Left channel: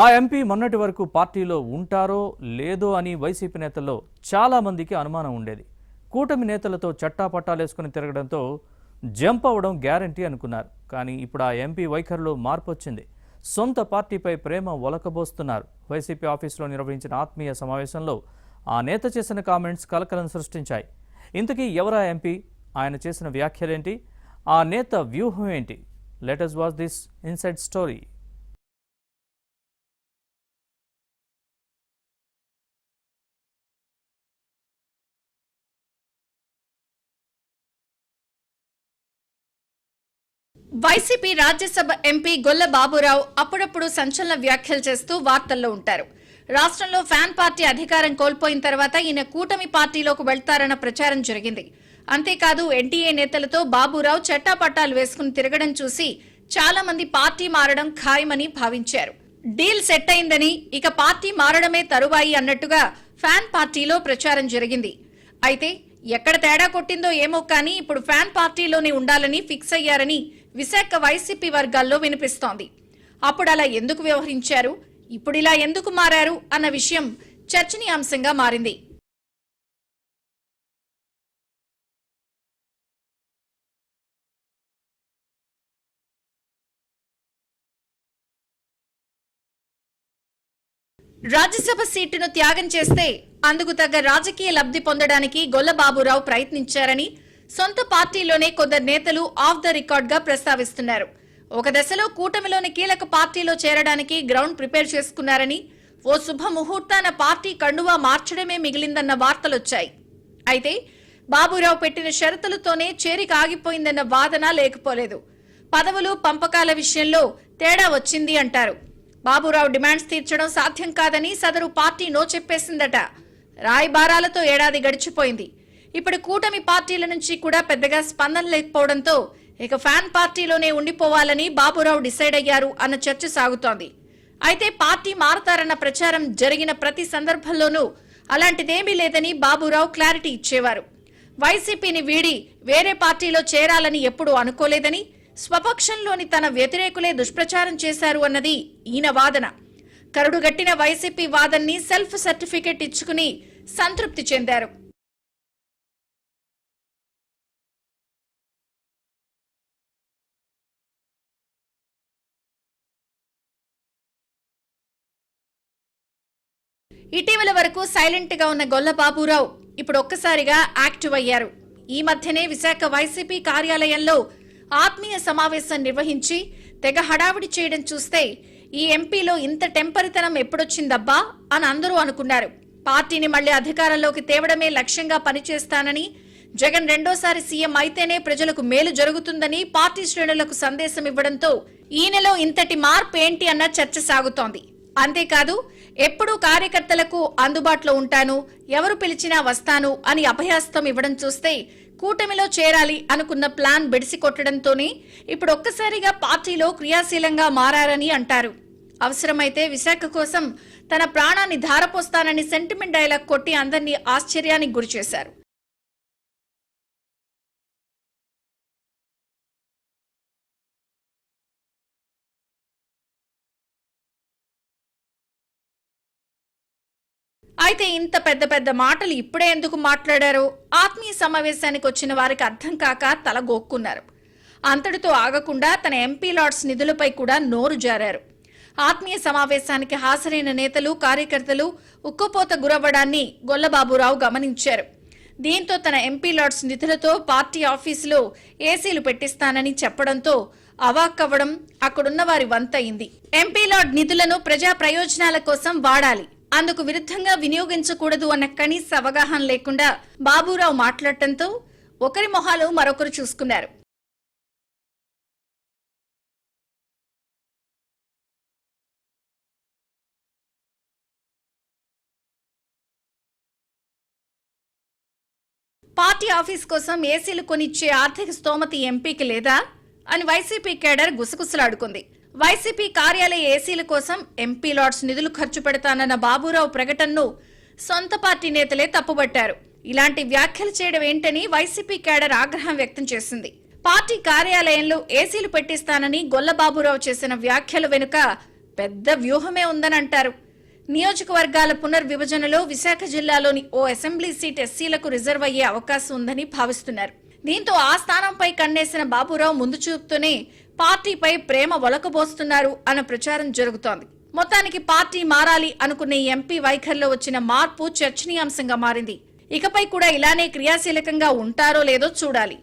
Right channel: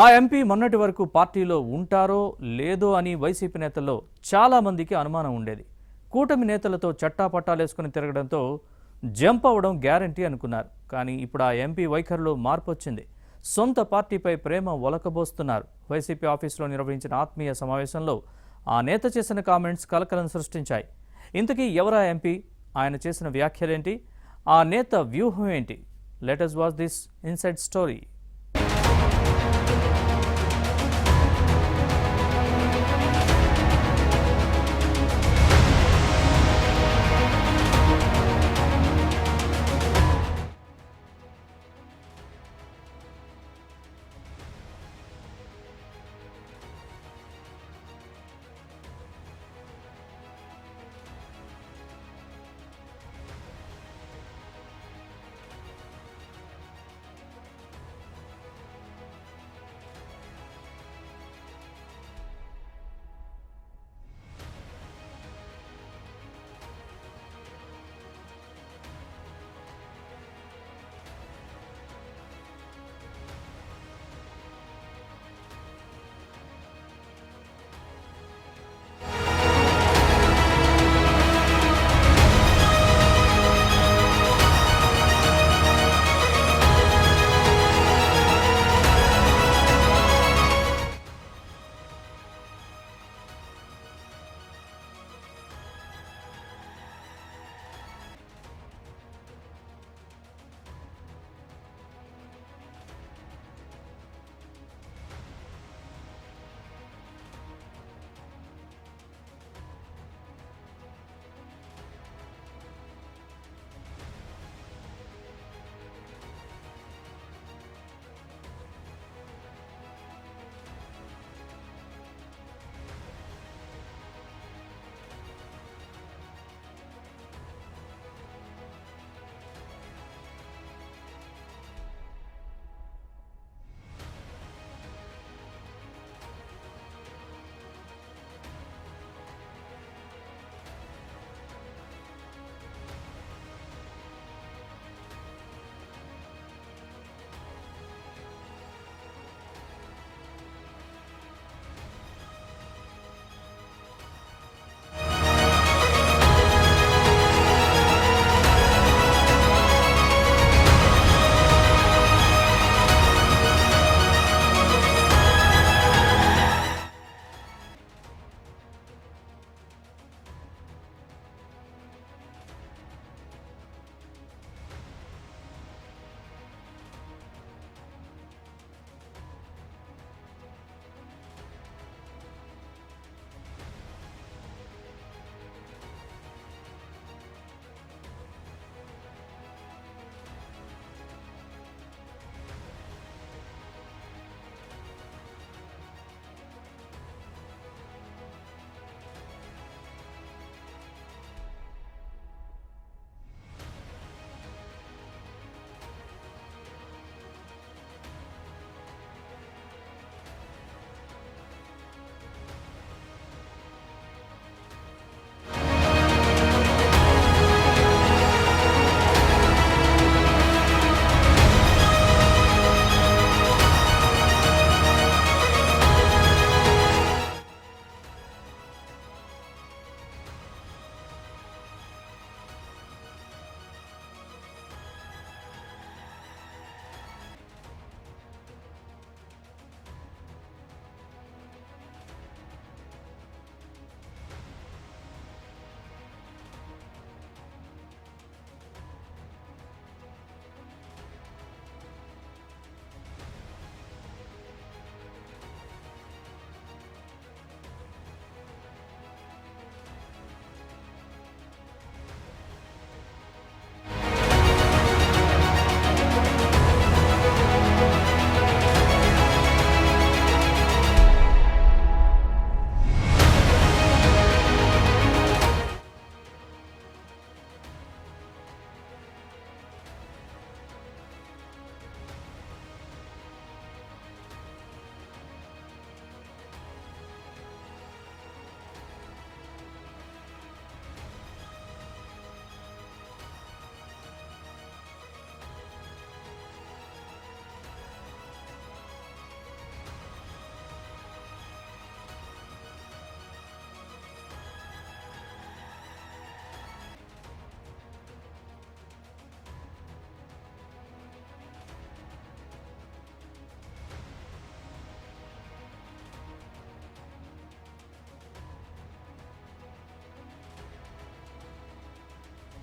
ఆ ఎంపీ మొన్నటి వరకు పార్టీలో ఉంటారో లేదో అని వైసీపీ నేతల్లో చాలా మందికి అనుమానం ఉండేది. కూటమి నేతలతో చట్టాపట్టాలేసుకుని తిరగడంతో జంప్ అవ్వడం గ్యారంటీ అనుకున్నారు. కానీ ఇప్పుడు ఆ ఎంపీ వైఖరిలో మార్పు వచ్చింది. సొంత పార్టీపై ప్రేమ ఒలకబోస్తున్నారు. వైసీపీ ఆఫీసులో నిర్వహించిన ఆత్మీయ సమావేశంలో ఆ నేత చేసిన కామెంట్స్ కలకలం సృష్టించాయి. ఇంతకీ ఎవరా ఎంపీ? ఆయన చేసిన వ్యాఖ్యలేంటి? ఆ నేత వ్యూహం ఏంటి? Let us watch this inside story. YCP Rajya Sabha MP గొల్ల బాబురావు అప్పుడప్పుడు సంచలన వ్యాఖ్యలు చేస్తూ వార్తల్లో ఉంటారు. రాష్ట్రంలో ఫ్యాన్ పార్టీ అధికారం కోల్పోయిన తర్వాత ఈయన కూటమి పార్టీలోకి వెళ్తారన్న ప్రచారం జరిగింది. అంతేకాదు ఎన్టీఏ నేతలతో బాబురావు చట్టాపట్టాలు వేసుకుని తిరగడం చూసి చాలా మంది పార్టీ మారడం ఖాయమని భావించారు. డీల్ సెట్ అయిందని ఇక పార్టీ మారడమే తరువాయి అన్నట్టుగా ఫ్యాన్ పార్టీలో ప్రచారం జరిగింది. అయితే ఎక్కడ తేడా కొట్టిందో ఏమో కానీ ఇప్పుడు ఫ్యాన్ పార్టీలోనే ఉండాలని ఫిక్స్ అయ్యారని విశాఖ వైసీపీ వర్గాల్లో వినిపిస్తోంది. అప్పుడు అలా ఎందుకు వ్యవహరించారు, ఇప్పుడు ఇలా ఎందుకు మారారు అన్న విషయం చర్చనీయాంశంగా మారింది. రాజ్యసభ సీటును త్యాగం చేస్తే అందుకు తగ్గ రాజకీయ లబ్ధి పొందడానికి గొల్ల బాబురావు ప్రయత్నించారని సొంత పార్టీలోనే కొందరు నేతలు ఆఫ్ ద రికార్డ్ గా ప్రస్తావిస్తున్నారు. ఒక దశలో కూటమిలోని కీలక పార్టీలో చేరడానికి గ్రౌండ్ ప్రిపేర్ చేసుకున్నారని, ఓ శుభ ముహూర్తాన పార్టీ కండువా మార్చడమే మిగిలిందన్న వార్తలొచ్చాయి. అయితే బాబురావు పెట్టిన షరతులతోనే చేరిక ఆగిపోయిందన్న వాదన లేకపోలేదు. పదవులు పంపకాల విషయంలో తేడా వచ్చింది అంటారు. బాబురావు డిమాండ్స్ తీర్చడం సాధ్యం కాదని సదరు పార్టీ నో చెప్పేసిందట. రాయబారాలతో ఏడాది గడిచిపోయింది. ఇప్పుడు కూటమి పార్టీల నుంచి కూడా పెద్దగా స్పందన లేకపోవడంతో ఇక ఫ్యాన్ పార్టీలోనే ఉండిపోవాలని బాబురావు డిసైడ్ అయ్యారు అన్న చర్చ సాగుతోంది. అయితే పార్టీ మారతారన్న ప్రచారం జరిగిన ప్రతి సందర్భంలోనూ అలాంటిదేమీ లేదని బాబురావు క్లారిటీ ఇచ్చేవారు. వైసీపీని వీడి వేరే పార్టీలో చేరాలని ఎప్పుడూ అనుకోలేదని, స్వపక్షంలోని తన వ్యతిరేకులే దుష్ప్రచారం చేశారు అన్నది ఈయన వాదన. కరుడుగట్టిన వైసీపీ వాదన్ని సెల్ఫ్ సర్టిఫికెట్ ఇచ్చుకుని సంతృప్తి చెందారు. ఇటీవల వరకు సైలెంట్ గా ఉన్న గొల్ల బాబురావు ఇప్పుడు ఒక్కసారిగా యాక్టివ్ అయ్యారు. ఈ మధ్యనే విశాఖ వైసీపీ కార్యాలయంలో ఆత్మీయ సమావేశం నిర్వహించి తెగ హడావిడి చేయడం చూస్తే ఈ ఎంపీలో ఇంత టెంపరితనం ఎప్పుడొచ్చిందబ్బా అని అందరూ అనుకున్నారు. పార్టీని మళ్లీ అధికారంలోకి తేవడమే లక్ష్యంగా పనిచేస్తానని, జగన్ రెండోసారి సీఎం అయితేనే ప్రజలకు మేలు జరుగుతుందని పార్టీ శ్రేణులకు సందేశం ఇవ్వడంతో ఈయనలో ఇంతటి మార్పు ఏంటి అన్న చర్చ సాగుతోంది. అంతేకాదు ఎప్పుడూ కార్యకర్తలకు అందుబాటులో ఉంటాను, ఎవరు పిలిచినా వస్తాను అని అభయాస్తం ఇవ్వడం చూస్తే కూటమిలో చేరాలి అనుకున్న ప్లాన్ బెడిసి కొట్టడంతోనే ఇప్పుడు ఒక్కసారిగా పార్టీలో క్రియాశీలంగా మారారని అంటారు. అవసరమైతే విశాఖ కోసం తన ప్రాణాన్ని ధారపోస్తానని సెంటిమెంట్ డైలాగ్ కొట్టి అందరినీ ఆశ్చర్యానికి గురిచేశారు. అయితే ఇంత పెద్ద పెద్ద మాటలు ఇప్పుడే ఎందుకు మాట్లాడారో ఆత్మీయ సమావేశానికి వచ్చిన వారికి అర్థం కాక తల గోక్కున్నారు. అంతటితో ఆగకుండా తన ఎంపీ లాట్స్ నిధులపై కూడా నోరు జారారు. ఆత్మీయ సమావేశానికి హాజరైన నేతలు, కార్యకర్తలు ఉక్కుపోత గురవ్వడాన్ని గొల్లబాబురావు గమనించారు. దీంతో తన ఎంపీ లాట్స్ నిధులతో పార్టీ ఆఫీసులో ఏసీలు పెట్టిస్తానని చెప్పడంతో అవాక్కవ్వడం అక్కడున్న వారి వంతయింది. ఎంపీ లాట్ నిధులను ప్రజా ప్రయోజనాల కోసం వాడాలి, అందుకు విరుద్ధంగా వినియోగించకూడదు అన్న కనీస అవగాహన లేకుండా బాబురావు మాట్లాడటంతో ఒకరి మొహాలు మరొకరు చూసుకున్నారు. పార్టీ ఆఫీస్ కోసం ఏసీలు కొనిచ్చే ఆర్థిక స్తోమత ఎంపీకి లేదా అని వైసీపీ కేడర్ గుసగుసలాడుకుంది. వైసీపీ కార్యాలయ ఏసీల కోసం ఎంపీ లాట్స్ నిధులు ఖర్చు పెడతానన్న బాబురావు ప్రకటనను సొంత పార్టీ నేతలే తప్పుబట్టారు. ఇలాంటి వ్యాఖ్యలు చేయడం ఏంటని వైసీపీ కేడర్ ఆగ్రహం వ్యక్తం చేసింది. పార్టీ కార్యాలయంలో ఏసీలు పెట్టిస్తానని గొల్ల బాబురావు చేసిన వ్యాఖ్యల వెనుక పెద్ద వ్యూహమే ఉందని అంటారు. నియోజకవర్గాల పునర్విభజనలో విశాఖ జిల్లాలోని ఓ అసెంబ్లీ సీట్ ఎస్సీలకు రిజర్వ్ అయ్యే అవకాశం ఉందని భావిస్తున్నారు. దీంతో ఆ స్థానంపై కన్నేసిన బాబురావు ముందు చూపుతూనే పార్టీపై ప్రేమ ఒలకబోస్తున్నారు అన్న ప్రచారం జరుగుతోంది. మొత్తానికి పార్టీ మారాలి అనుకున్న ఈ ఎంపీ వైఖరిలో వచ్చిన మార్పు చర్చనీయాంశంగా మారింది. ఇకపై కూడా ఇలానే క్రియాశీలకంగా ఉంటారో లేదో చూడాలి.